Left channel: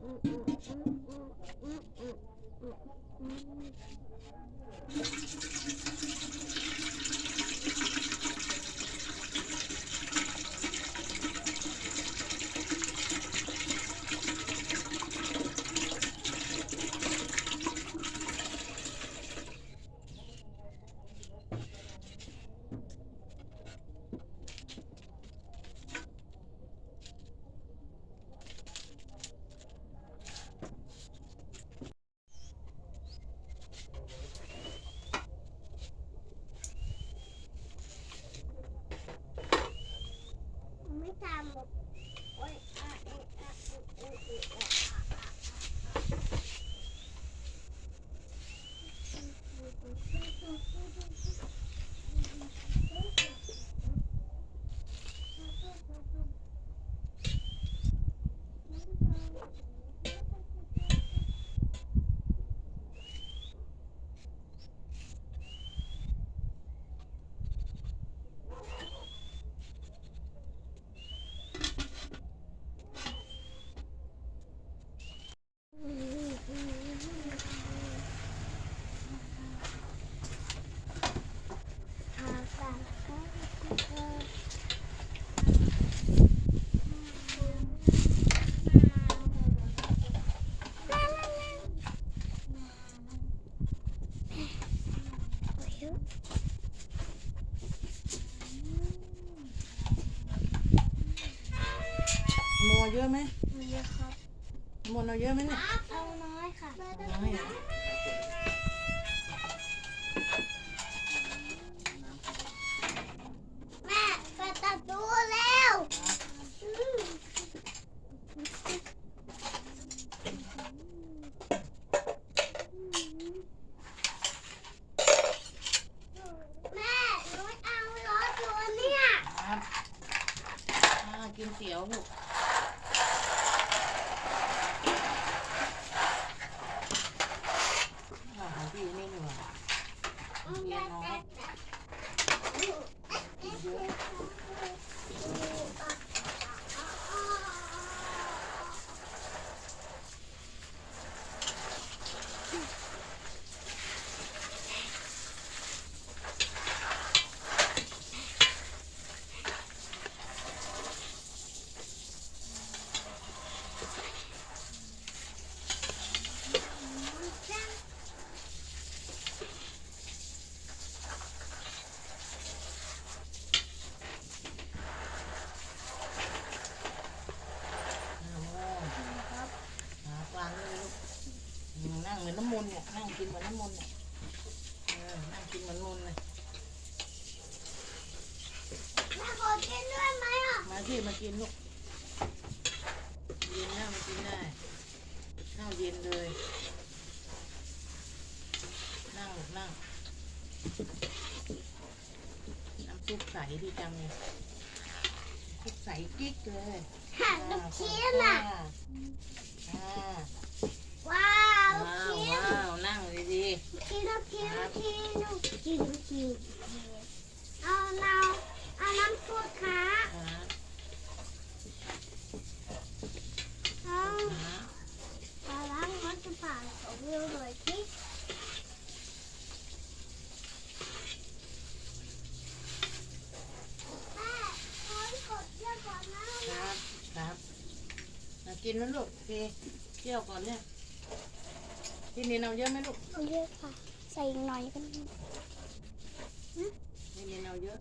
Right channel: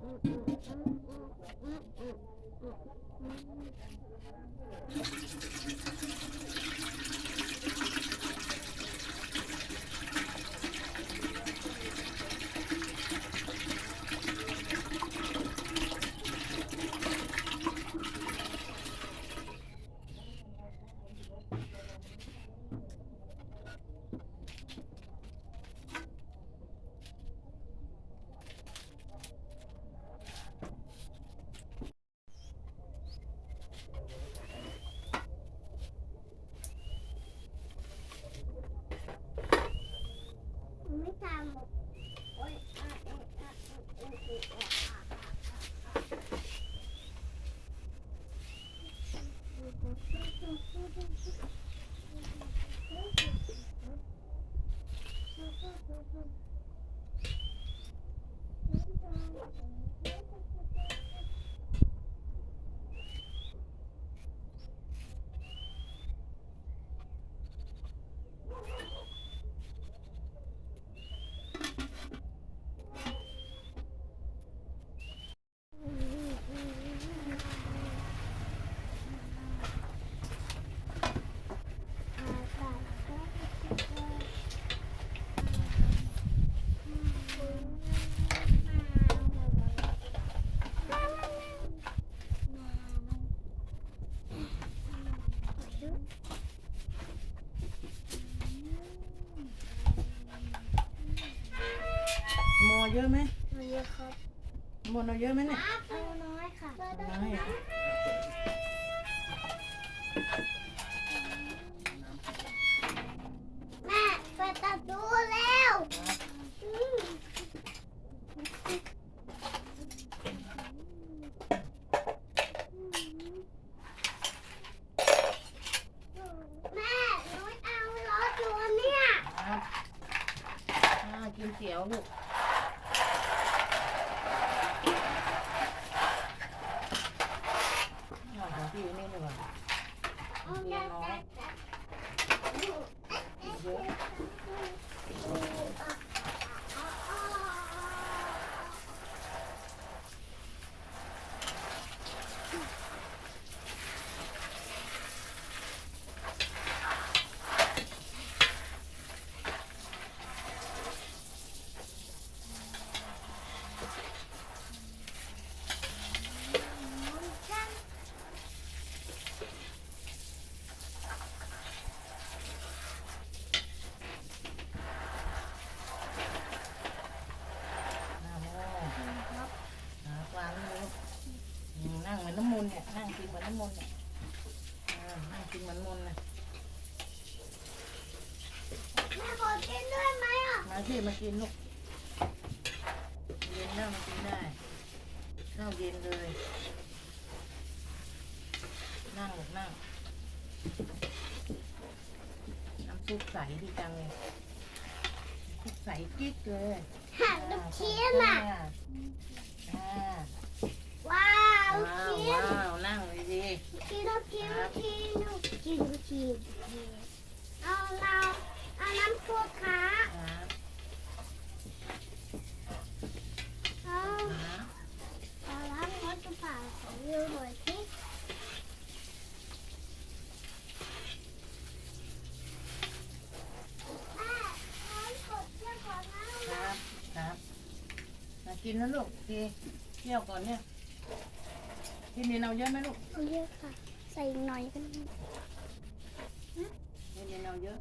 Thank you. เยอะไหมเยอะครับโมเอาเยอะไหมเนี่ย เอาน้อยค่ะ น้อยอะ แม่เปิดประตูแล้ว แม่หนูเอารถตัวเนี่ย ครับอ่ากินเตี๋ยวลูกอ่าของพี่นี่ดีกว่าเมียน้อยเยอะ อ่าโมครับหาวางนี่ลูกอืมนั่งเหมือนน้ำมนต์เนี่ยนั่ง กินเหมือนน้ำมนต์เนี่ยเออนั่งกินเหมือนมนต์เลยแม่ขอกินด้วยไหมอะมาที่มากินลูกเย็นนั่งมากินได้นั่งเย็นเลย นั่งลูกนั่ง น้ำซุปใสดีจังเลยซุปใสกิ๊กเลย หันลูกชิ้นอะ อ่าว้า ว้าวนว้าวนั่งดีกินลูกชิ้นลูกชิ้นลูกชิ้นลูกชิ้นเอาเอาเอาน้ำซุปขาๆครับเอาครับเอาล้างรถจะผ่านของวิวหน่อยสิแม่ให้กดเชือกก่อนนะครับครับมากินนะลูกทีเที่ยวก่อนเนี่ย พี่นินเอาเยอะไหมลูกเอาเยอะค่ะ ใส่อีกหน่อยก็ได้พี่นินเอาเยอะ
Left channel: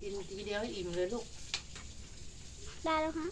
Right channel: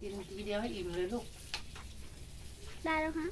กินทีเดียวให้อิ่มเลยลูก ได้แล้วฮะ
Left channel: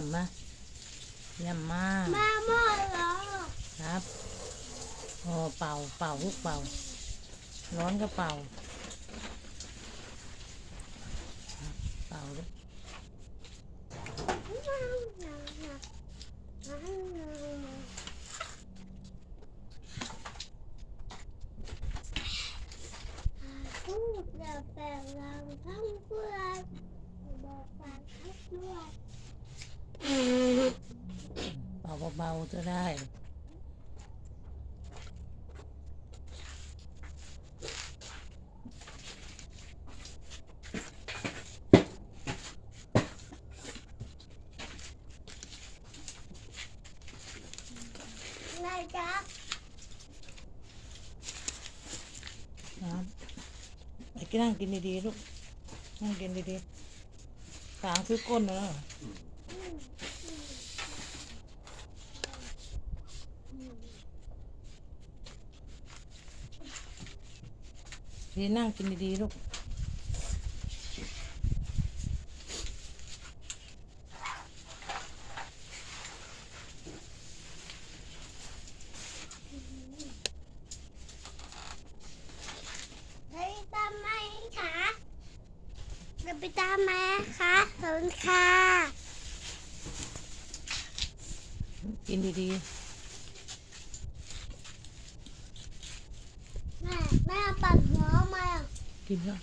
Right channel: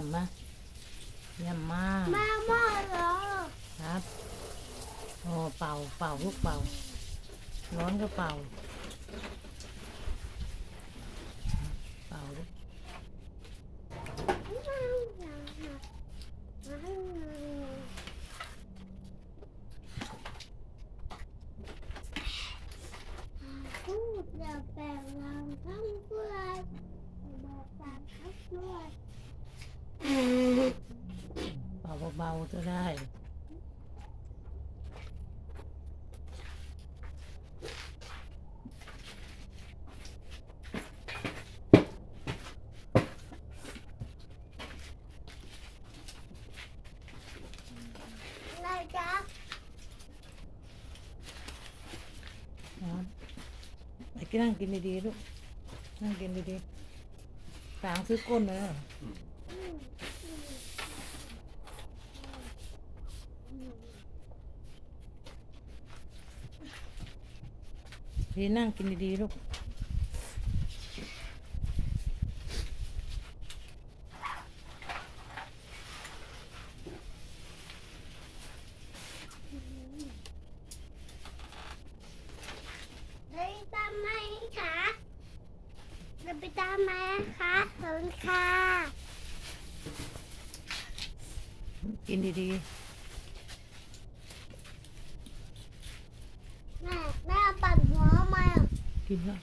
เยี่ยมไหมเยี่ยมมากมาหม้อเหรอครับโอ้เป่าเป่าลูกเป่า ร้อนก็เป่า เป่าลูก พูดอย่าแปลงรังทั้งเพื่อนบอกฝากทั้งด้วย เบาๆจะได้นายจ๊ะครับไปกินนั่งกินดีๆลูกนั่งกินดีๆสางซื้อก้นนะ ดีนั่งกินดีๆลูกไปตามไหมคะจะไปตามมาคะขอบคุณค่ะ กินดีแม่แม่ปั่นหัวมา ๆ กินแล้ว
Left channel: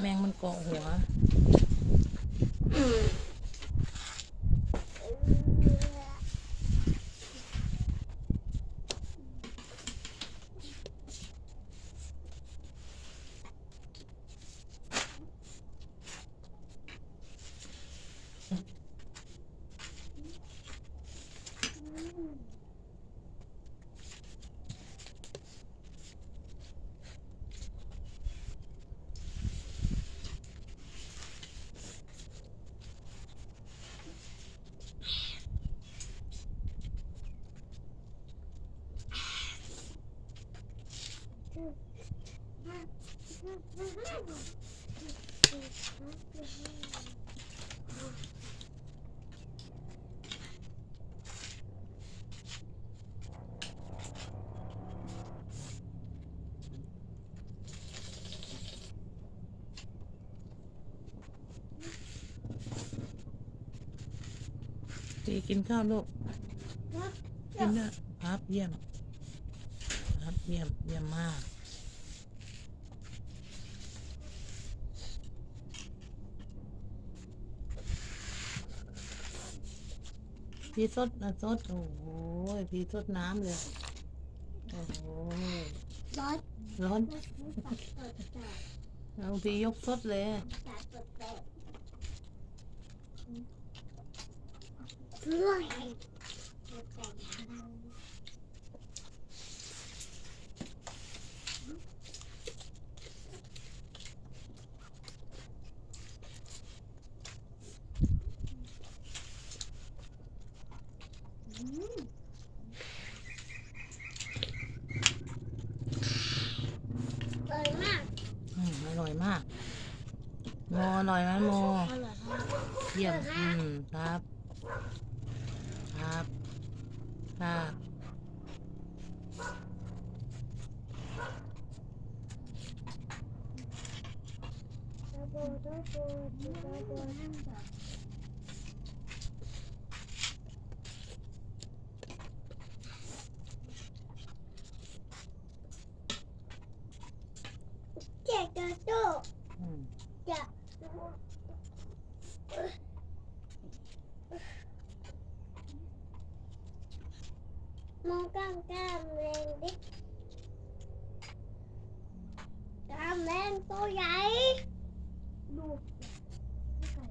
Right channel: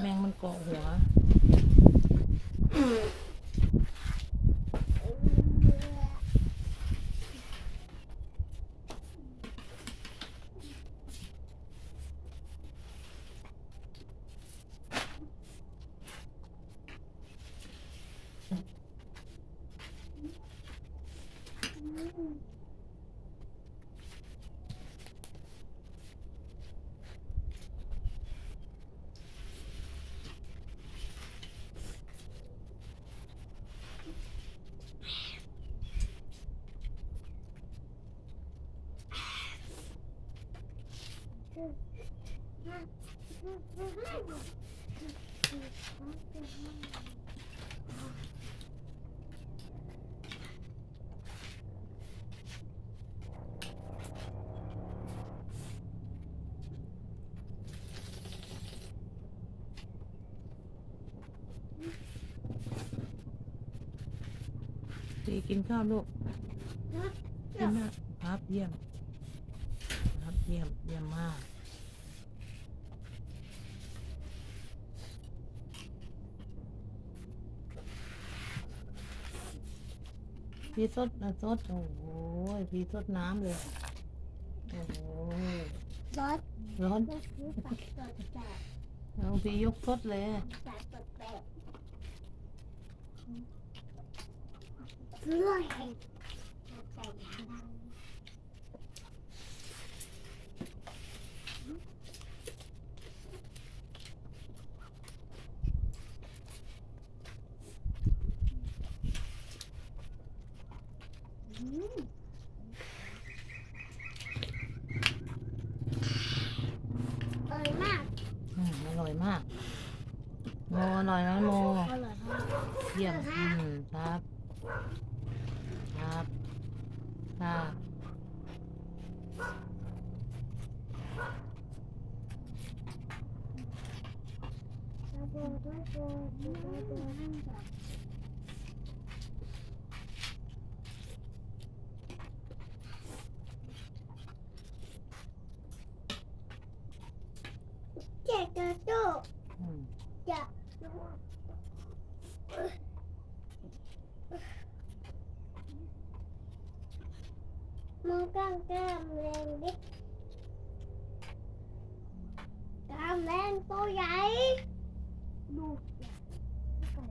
แมงมันเกาะหัว ดีกินข้าวลูกกินนะครับเยี่ยมครับเยี่ยมเยี่ยมมากพี่สดนะสดโอ้โหพี่สดน้ำเลยโอ้โหร้อนร้อนจะซื้อปักตดแตกเอาพี่ยกสดเลย ปักตดแตก เพื่อนเห็นตดแตกดังอืมอร่อยมากอืมอร่อยมากโมอร่อยไหมโม อร่อยมาก เยี่ยม อร่อย อื มาก มครับ ครับ ครับเจ๊กระโดดอืมจะ มองกล้ามกล้ามแรงดิกล้ามแรงตัวใหญ่ดูไก่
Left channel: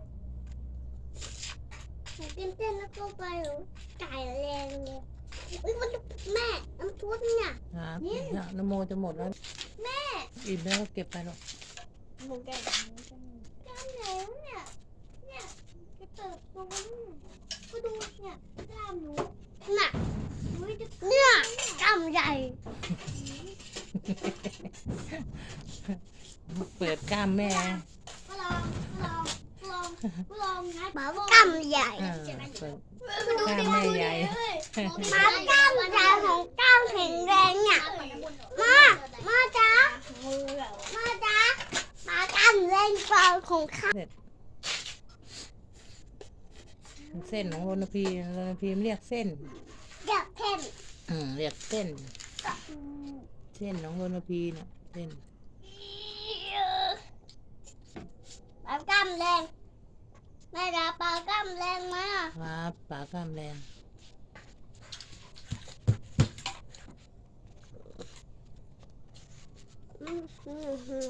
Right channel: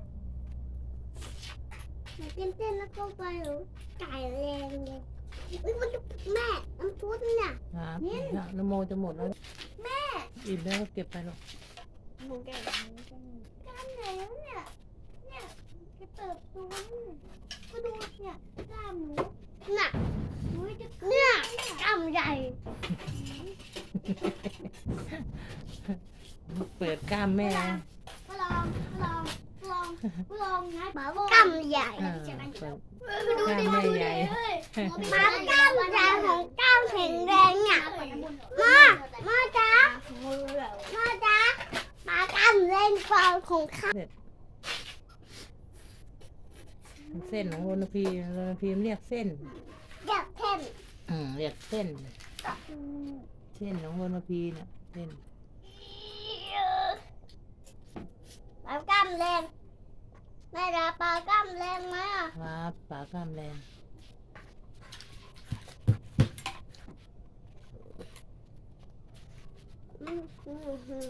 นูกินเส้นแล้วก็ไปหนูไก่แรงเลยอุ้ยมันแม่น้ำซุปเนี่ย ครับเนี่ยนโมจะหมดแล้ว แม่อิ่มแล้วก็เก็บไปหรอกหมูไก่กล้ามไหนวะเนี่ยเนี่ยจะเติบโตเนี่ยก็ดูเนี่ยกล้ามหนูน่ะหนูจะ เนี่ยกล้ามใหญ่เปิดกล้ามแม่นะก็ลองก็ลองก็ลองก็ลองนะบอกว่ากล้ามใหญ่อ่าเปิดมาดูดิกล้ามมาดูใหญ่ดิเฮ้ยมากล้ามใหญ่ของกล้ามแข็งแรงเนี่ยมามาจ้ามาจ้ามากล้ามแรงกว่าของข้าเส้นของโรนพีโรนพีเรียกเส้นอยากเข้ม อืมเรียกเส้น เส้นของโรนพีเนี่ยเส้นปลากล้ามแรงแม่รับปลากล้ามแรงไหมอะครับปากกล้ามแรงอืมอืมอืม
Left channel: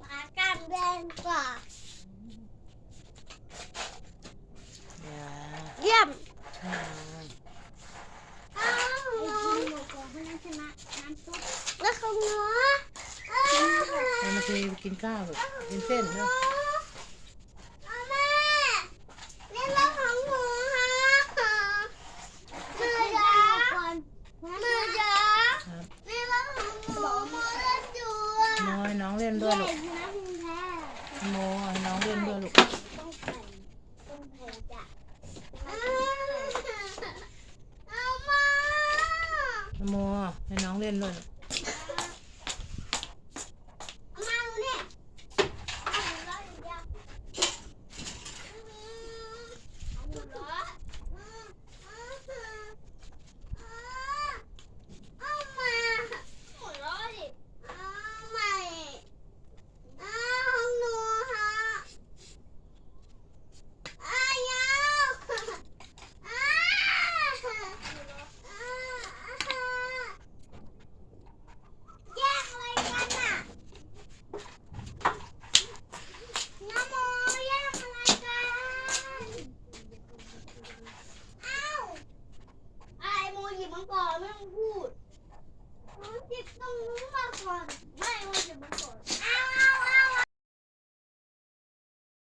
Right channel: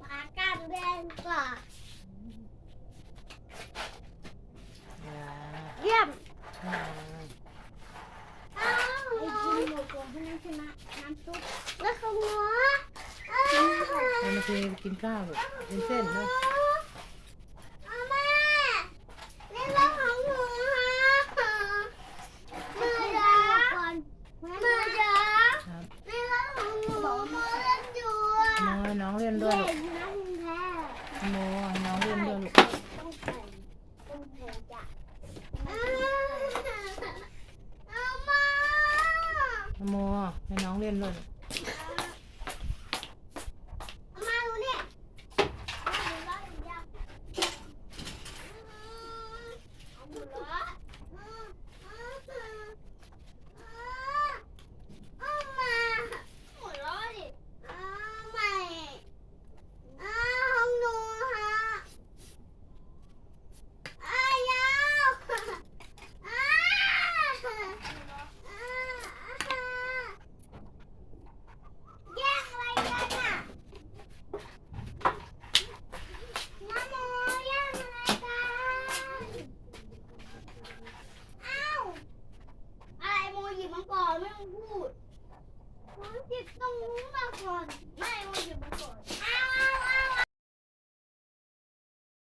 ปลากล้ามแรงกว่าอ่าเยี่ยมอ่าไอ้กินหมูกรอบพนันชนะน้ำซุปแล้วเขาเนื้อโรนพีกินข้าวแบบกินเส้นด้วยเอา